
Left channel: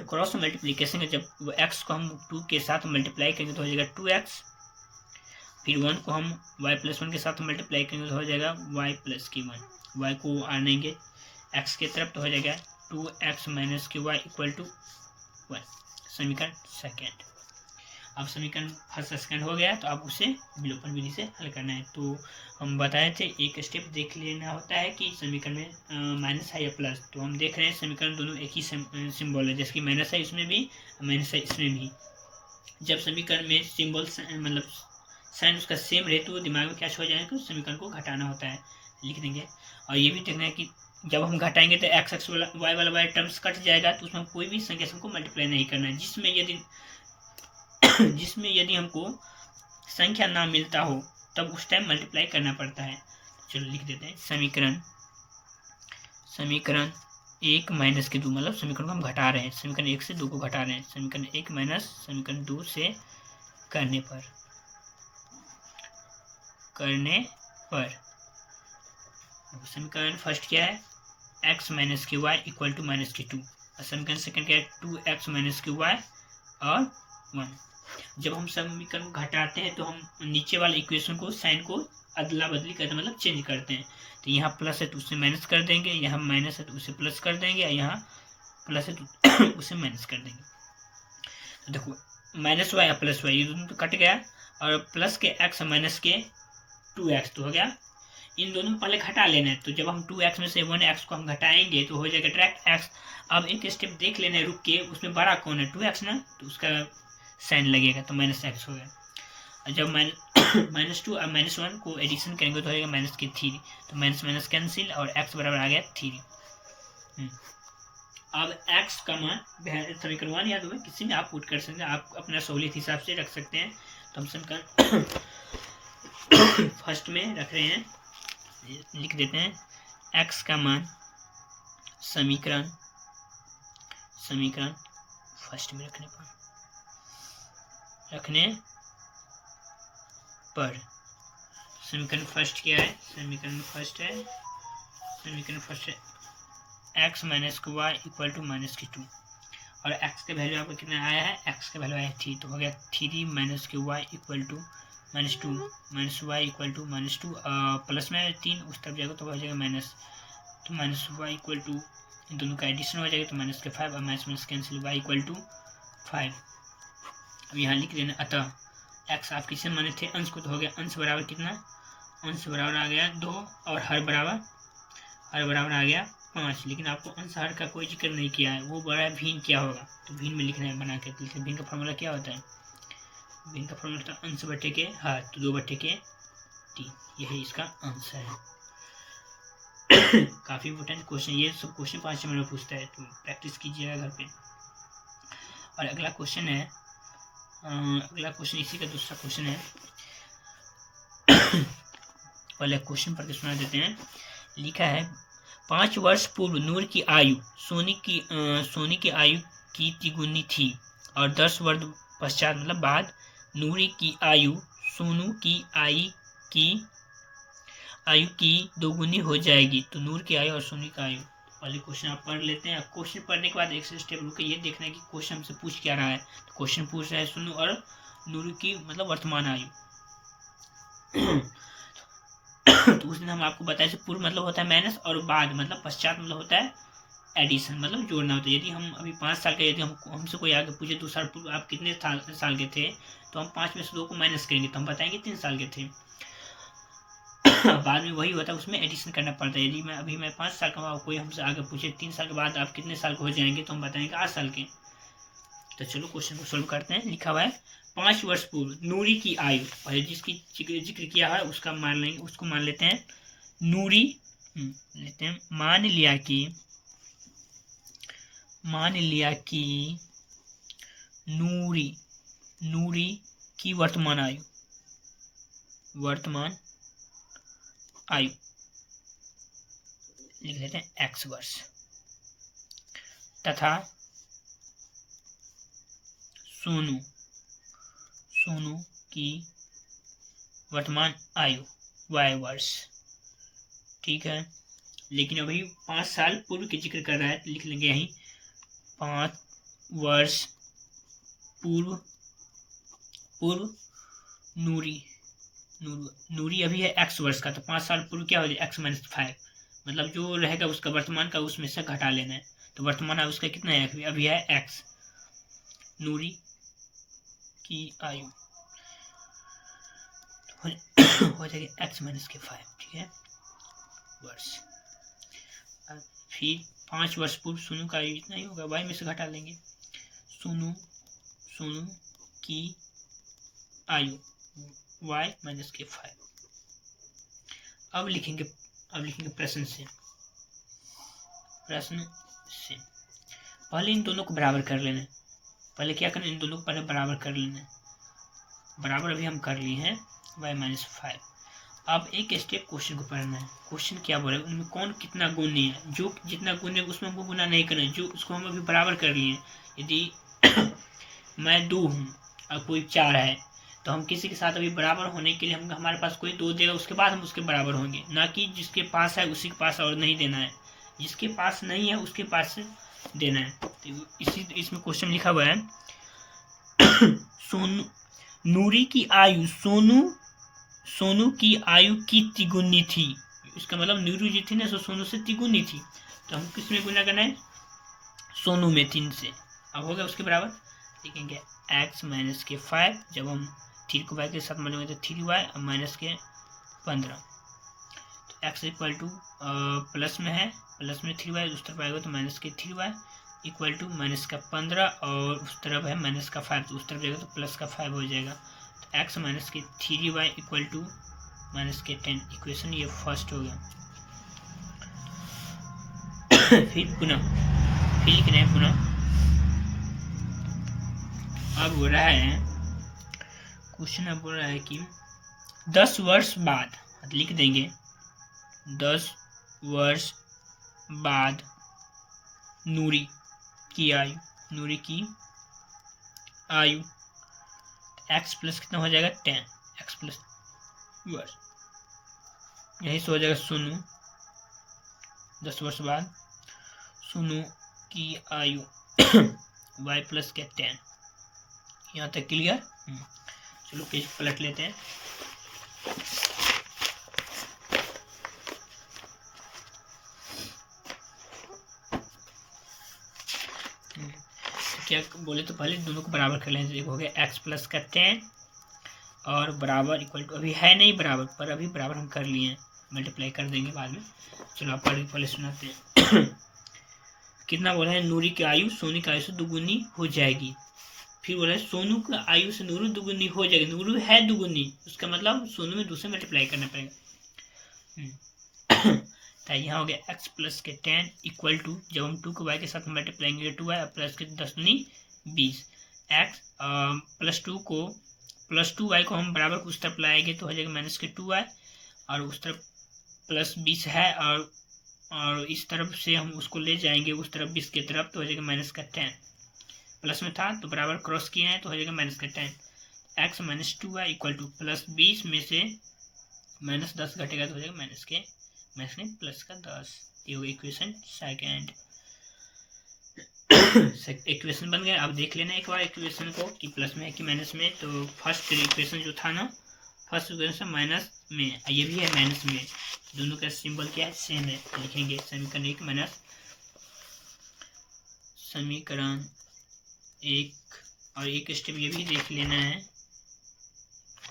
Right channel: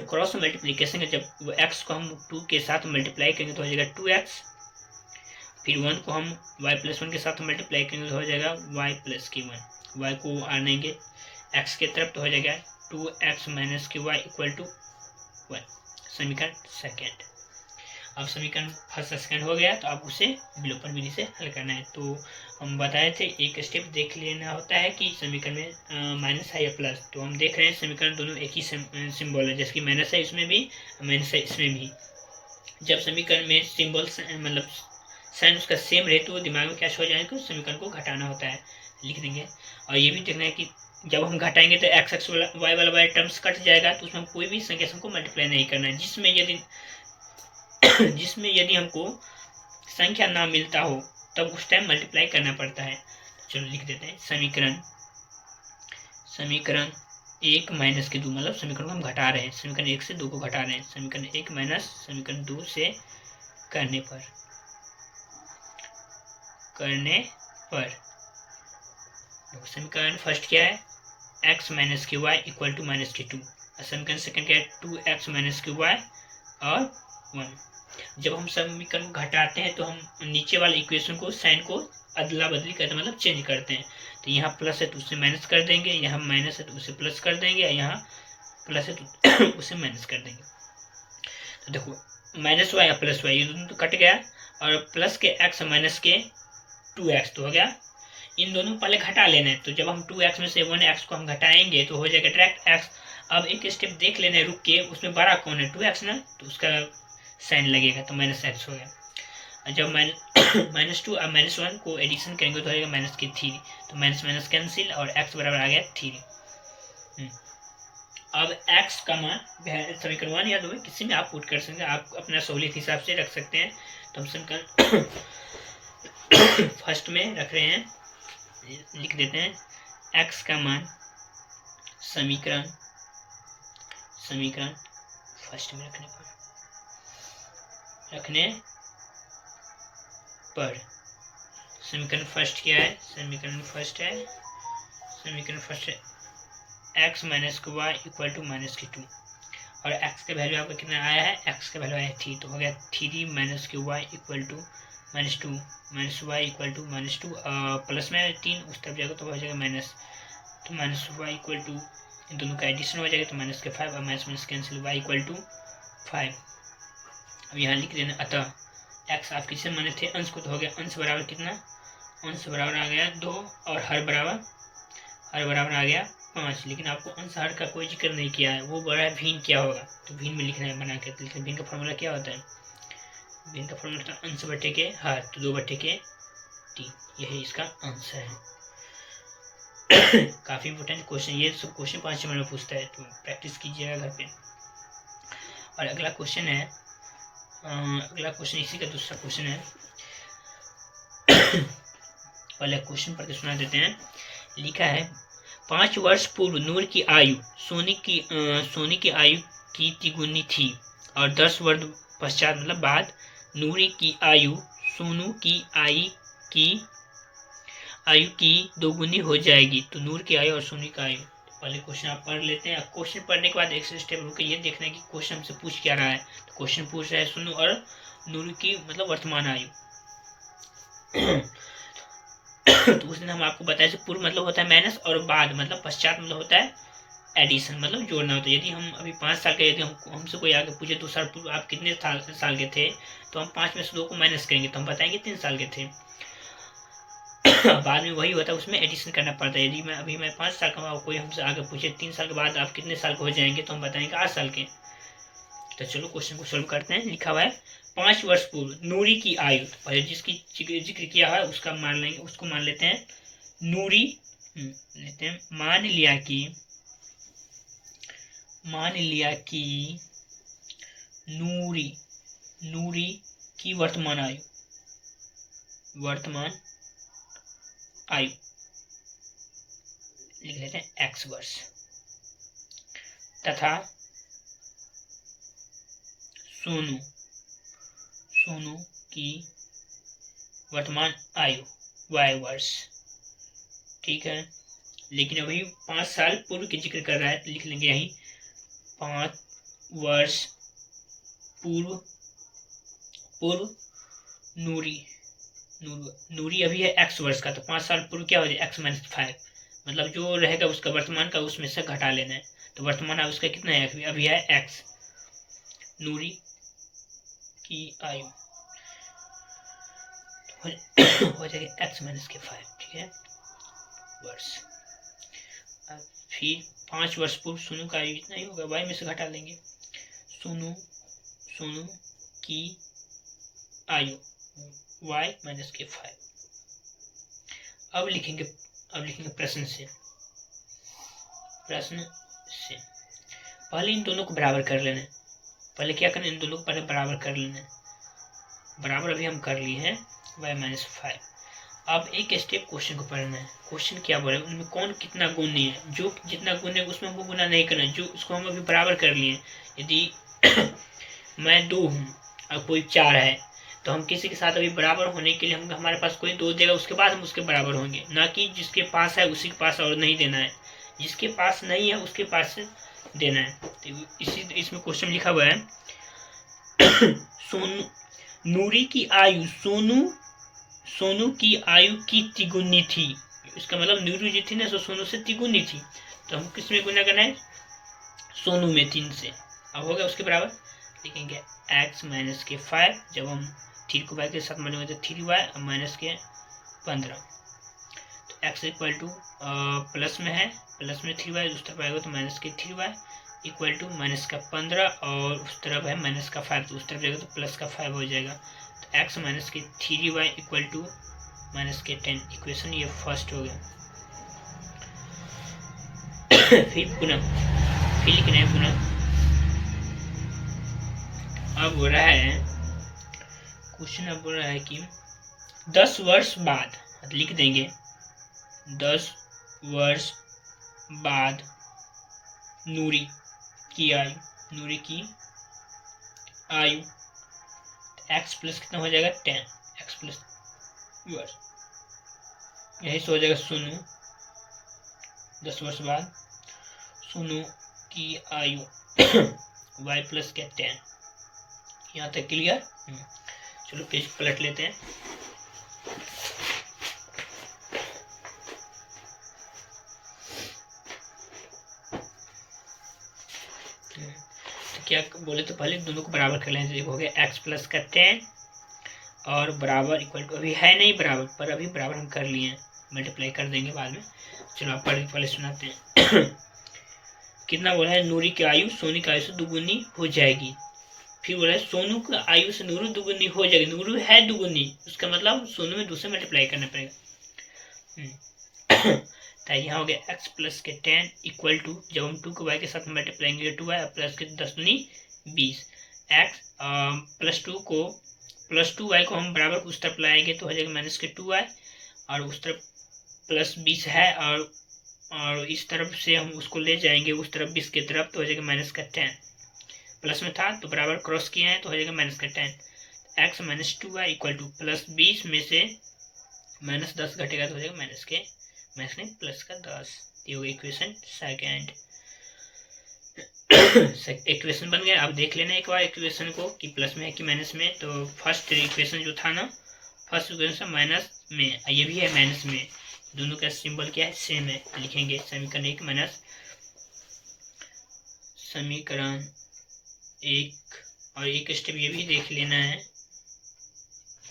क्रॉस मल्टीप्लीकेशन है, जब x को हम 2 के साथ मल्टीप्लाई करेंगे तो हो जाएगा 2x, फिर 1 को हम y प्लस 1 के साथ मल्टीप्लाई करेंगे तो हो जाएगा y प्लस की 1। y को आनेंगे x के तरफ तो हो जाएगा 2x माइनस की y इक्वल टू 1। समीकरण सेकेंड। अब समीकरण फर्स्ट सेकेंड हो गया, तो अब उसे विलोपन विधि से हल करना है। तो हम बताए थे एक स्टेप देख लेना होता है कि समीकरण में माइनस है या प्लस। तो हम देख रहे हैं समीकरण दोनों एक ही सिंबल है, जैसे कि माइनस है इसमें भी, माइनस है इसमें भी। जब समीकरण में सिंबल मतलब साइन उसका सेम रहे तो दिमाग में क्या हो जाएगा, समीकरण को घटाना होता है, लिख देंगे। और ये भी देखना है कि जब हम घटाएंगे तो x वाई वाला टर्म्स कट जाएगा, तो उसमें कोई भी संख्या को मल्टीप्लाई नहीं करना है। जिसमें यदि हमको संख्या ना मिलता हो तब उस टाइम मल्टीप्लाई करना पड़ता है। चलो लिख देते हैं, समीकरण 1 माइनस के 2, मतलब समीकरण को हम घटा रहे हैं, समीकरण 1 से 2 को घटा रहे हैं। समीकरण 1 माइनस समीकरण 2 से करने पर समीकरण फर्स्ट क्या है, x माइनस की y इक्वल टू माइनस की 2। समीकरण सेकंड क्या है, 2x माइनस की y और 1। जब हम समीकरण को घटाते हैं तो हम नीचे वाले इक्वेशन को साइन को अदला बदली करते हैं, मतलब चेंज करते हैं। तो यहाँ प्लस है तो उसे माइनस कर देंगे, यहाँ माइनस है तो उसे प्लस कर देंगे, यहाँ प्लस है तो उसे माइनस कर देंगे। तो देखो माइनस वाई और प्लस वाई ये दोनों तो कट गया, और प्लस के x माइनस के 2x तो हो गया। इन दोनों को पहले घटा लेना है, तो जब हम 2x में से 1x को हम घटाएंगे तो हो जाएगा डायरेक्ट x। अब एक स्टेप देख लेना है रुक के, उसमें बड़ा कौन है, 2x ना, तो उसका साइन लगेगा तो माइनस x हो गया। जब -2 और -1 को एडिशन करेंगे तो हो जाएगा माइनस की 3, तो माइनस माइनस कैंसिल और x बराबर आ गया 3। अब x का मान समीकरण 1 या 2 में किसी में आप पुट कर सकते हैं, आप अपना सहूलियत हिसाब से रख सकते हैं। तो हम समीकरण फर्स्ट में रख रहे हैं, लिख देते हैं x का मान समीकरण फर्स्ट में रखने पर समीकरण फर्स्ट क्या है, समीकरण फर्स्ट है x माइनस की y इक्वल टू माइनस की 2, और x का वैल्यू आपका कितना आया है, x का वैल्यू आया है 3, तो हो गया 3 माइनस की y equal to -2 minus y equal to -2, plus में 3 उस तरफ जाएगा तो हो जाएगा माइनस, तो माइनस वाई इक्वल टू, इन दोनों का एडिशन हो जाएगा तो माइनस के 5 और minus minus cancel, y equal to 5। अब यहाँ लिख देना, अतः x आप किससे माने थे, अंश को, तो हो गया अंश बराबर कितना, अंश बराबर आ गया 2 और हर बराबर आ गया 5। लेकिन आपको अंश हर का कोई जिक्र नहीं किया है, वो बड़ा भिन्न क्या होगा, तो भिन्न में लिखना है बना के। भिन्न का फॉर्मूला क्या होता है, भिन्न का फॉर्मूला था अंश बटे के हर, तो 2/3, यही इसका अंश है। काफी इंपोर्टेंट क्वेश्चन, ये सब क्वेश्चन 5 नंबर में पूछता है, तो प्रैक्टिस कीजिएगा घर पे। और अगला क्वेश्चन है, अगला क्वेश्चन इसी का दूसरा क्वेश्चन है। पहले क्वेश्चन पढ़ के सुना देते हैं। लिखा है 5 वर्ष पूर्व नूर की आयु सोनी की आयु की तिगुनी थी और 10 वर्ष पश्चात मतलब बाद नूरी की आयु सोनू की आयु की दोगुनी हो जाएगी, तो नूर की आयु और सोनी की आयु। पहले क्वेश्चन आप पढ़ लेते हैं। क्वेश्चन पढ़ने के बाद एक स्टेप रुक के ये देखना है कि क्वेश्चन हमसे पूछ क्या रहा है। तो क्वेश्चन पूछ रहा है सोनू और नूर की मतलब वर्तमान आयु। तो उस दिन हम आपको बताया पूर्व मतलब होता है माइनस और बाद मतलब पश्चात मतलब होता है एडिशन, मतलब जोड़ना होता है। यदि हम अभी 5 साल के, यदि हमसे कोई आगे पूछे 2 साल पूर्व आप कितने साल के थे, तो हम 5 में से 2 को माइनस करेंगे तो हम बताएंगे 3 साल के थे। बाद में वही होता है, उसमें एडिशन करना पड़ता है। यदि मैं 5 साल का हूँ, कोई हमसे आगे पूछे 3 साल के बाद आप कितने साल के हो जाएंगे, तो हम बताएंगे 8 साल के। तो चलो क्वेश्चन को सोल्व करते हैं। लिखा हुआ है 5 वर्ष पूर्व नूरी की आयु, और जिसकी जिक्र किया है उसका मान लेंगे, उसको मान लेते हैं नूरी लेते हैं। मान लिया कि नूरी की वर्तमान आयु लिख लेते हैं x वर्ष, तथा सोनू की वर्तमान आयु y वर्ष। ठीक है, लेकिन अभी 5 साल पूर्व की जिक्र कर रहा है, लिख लेंगे यही 5 वर्ष पूर्व नूरी अभी है x वर्ष का, तो 5 साल पूर्व क्या हो जाए x - 5, मतलब जो रहेगा उसका वर्तमान का उसमें से घटा लेना है। तो वर्तमान आयु उसका कितना है, अभी है x, नूरी की आयु हो जाएगा x - 5, ठीक है, वर्ष। अब फिर 5 वर्ष पूर्व सोनू का आयु इतना ही होगा, y में से घटा लेंगे। सोनू की आयु y - 5। अब लिखेंगे प्रश्न से। पहले इन दोनों को बराबर कर लेना है। पहले क्या करना है, इन दोनों को पहले बराबर कर लेना है। बराबर अभी हम कर लिए हैं y - 5। अब एक स्टेप क्वेश्चन को पढ़ना है। क्वेश्चन क्या बोल रहा है, उनमें कौन कितना गुणी है, जो जितना गुण है उसमें हमको गुना नहीं करना है, जो उसको हम अभी बराबर कर लिए। यदि मैं 2 हूँ और कोई 4 है, तो हम किसी के साथ अभी बराबर होने के लिए हम हमारे पास कोई 2 देगा, उसके बाद हम उसके बराबर होंगे, ना कि जिसके पास है उसी के पास और नहीं देना है, जिसके पास नहीं है उसके पास से देना है। तो इसमें क्वेश्चन लिखा हुआ है नूरी की आयु सोनू की आयु की तिगुनी थी। इसका मतलब नूरी जी थी ना, सोनू से तिगुनी थी, तो हम किस में गुना करना है, सोनू में 3 से। अब हो गया उसके बराबर, लिखेंगे x - 5, जब हम 3 को y के साथ मल्टीप्लाई तो 3y और माइनस के 15, तो x इक्वल टू प्लस में है, प्लस में 3y, उस तरफ आएगा तो माइनस के 3y इक्वल टू माइनस का 15, और उस तरफ है माइनस का 5, तो उस तरफ जाएगा तो प्लस का 5 हो जाएगा। तो x - 3y equal to minus के 10। इक्वेशन ये फर्स्ट हो गया। फिर लिखना है पुनः। अब बोल रहा है क्वेश्चन, बोल रहा है कि 10 वर्ष बाद, लिख देंगे 10 वर्ष बाद नूरी की आयु x प्लस कितना हो जाएगा 10, x प्लस वर्ष, यही से हो जाएगा सोनू 10 वर्ष बाद सोनू की आयु y प्लस के 10। यहाँ तक क्लियर। चलो पेज पलट लेते हैं। तो क्या बोले, तो पहले दोनों को बराबर कर लेंगे। हो गया x प्लस का 10 और बराबर इक्वल टू, अभी है नहीं बराबर, पर अभी बराबर हम कर लिए हैं, मल्टीप्लाई कर देंगे बाद में। चलो आप पहले सुनाते हैं। कितना बोला है, नूरी की आयु सोनी की आयु से दुगुनी हो जाएगी। फिर बोला सोनू की आयु से नूरू दुगुनी हो जाएगी, नूरू है दुगुनी, उसका मतलब सोनू में 2 से मल्टीप्लाई करना पड़ेगा। तो यहाँ हो गया x प्लस के 10 इक्वल टू, जब हम 2 को y के साथ मल्टीप्लाई करेंगे 2y प्लस के 10 दूनी 20, x प्लस 2y को हम बराबर उस तरफ लाएंगे तो हो जाएगा माइनस के 2y, और उस तरफ प्लस 20 है, और इस तरफ से हम उसको ले जाएंगे उस तरफ 20 की तरफ, तो हो जाएगा माइनस का 10, प्लस में था तो बराबर क्रॉस किए हैं तो हो जाएगा माइनस का 10। x minus 2y equal two plus 20 में से माइनस 10 घटेगा तो हो जाएगा माइनस नहीं प्लस का 10। ये हो गया इक्वेशन सेकेंड। इक्वेशन बन गया। अब देख लेना एक बार इक्वेशन को कि प्लस में है कि माइनस में। तो फर्स्ट इक्वेशन जो था ना, फर्स्ट इक्वेशन माइनस में, ये भी है माइनस में, दोनों का सिंबल क्या है, सेम है। लिखेंगे समीकरण एक माइनस समीकरण एक, और एक स्टेप ये भी देख लेना है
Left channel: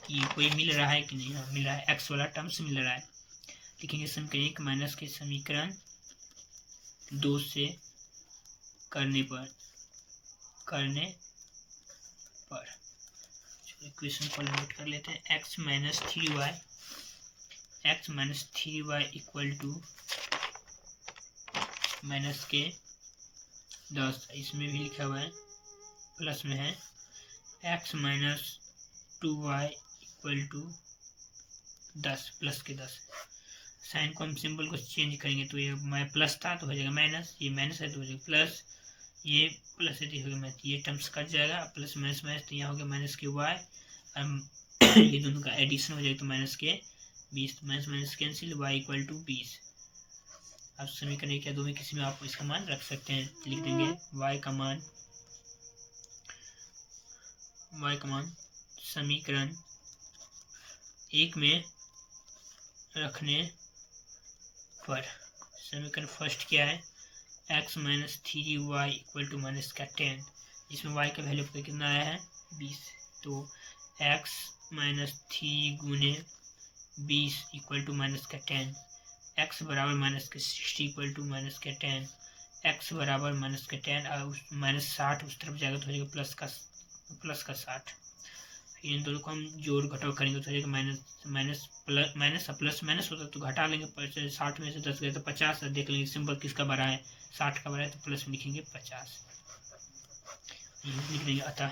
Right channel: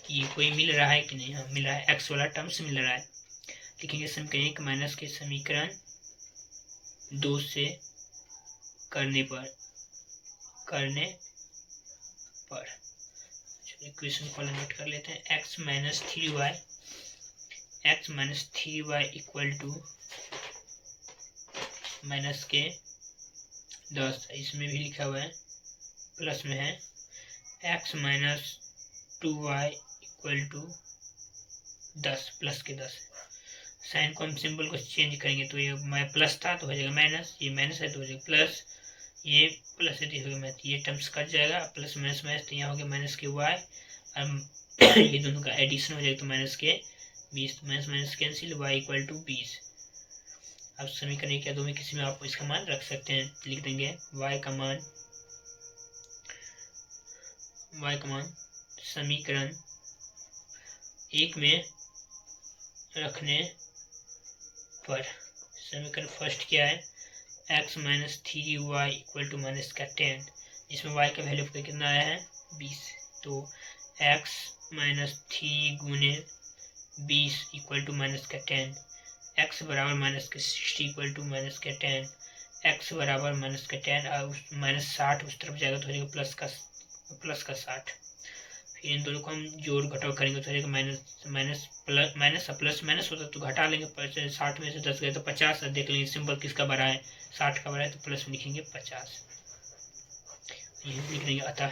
कि कोई मिल रहा है कि नहीं। हाँ मिल रहा है, एक्स वाला टर्म से मिल रहा है। लिखेंगे समीकरण एक माइनस के समीकरण 2 से करने पर इक्वेशन को लिमिट कर लेते हैं। x minus 3y equal to minus के 10, इसमें भी लिखा हुआ है प्लस में है। x minus 2y equal to 10 plus के 10, साइन को हम सिंबल को चेंज करेंगे तो ये प्लस था तो हो जाएगा माइनस, ये माइनस है तो हो जाएगा प्लस, ये प्लस है तो हो गया, ये टर्म्स कट जाएगा, प्लस माइनस तो यहाँ हो गया माइनस के y, ये दोनों का एडिशन हो जाएगा तो माइनस के 20, minus cancel, y equal to 20। अब समीकरण क्या दो में किसी में आप इसका मान रख सकते हैं। लिख देंगे y का मान समीकरण एक में रखने पर, समीकरण फर्स्ट क्या है, x minus 3y equal to minus का 10, जिसमें y का वैल्यू कितना आया है 20, तो x माइनस 3 गुने 20 इक्वल टू माइनस का 10, x बराबर माइनस के 60 इक्वल टू माइनस का 10, x बराबर माइनस का 10 और माइनस 60 उस तरफ जाएगा तो हो जाएगा प्लस का 60। फिर इन दोनों को हम जोड़ घटाव करेंगे तो हो जाएगा माइनस प्लस माइनस होता तो घटा लेंगे, 60 में से 10 गए तो 50, देख लेंगे सिंबल किसका बड़ा है, 60 का बड़ा है तो प्लस में लिखेंगे 50। यही लिख लेंगे अतः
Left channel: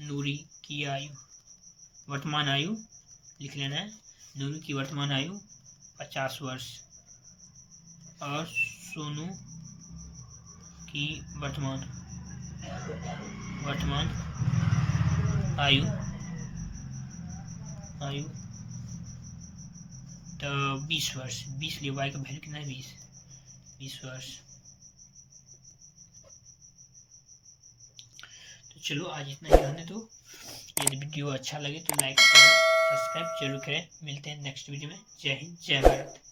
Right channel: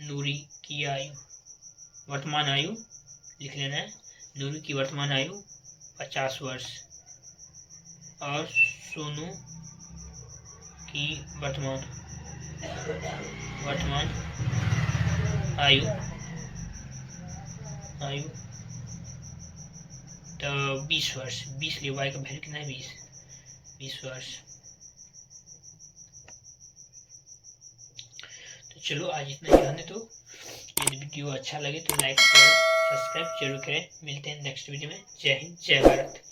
नूरी की आयु, वर्तमान आयु लिख लेना है, नूरी की वर्तमान आयु 50 वर्ष और सोनू की वर्तमान आयु तो 20 वर्ष, 20 लिए y का वैल्यू कितना है 20 वर्ष। तो चलो आज इतना ही रहने दो। यदि वीडियो अच्छा लगे तो लाइक शेयर सब्सक्राइब जरूर करें। मिलते हैं नेक्स्ट वीडियो में। जय हिंद जय भारत।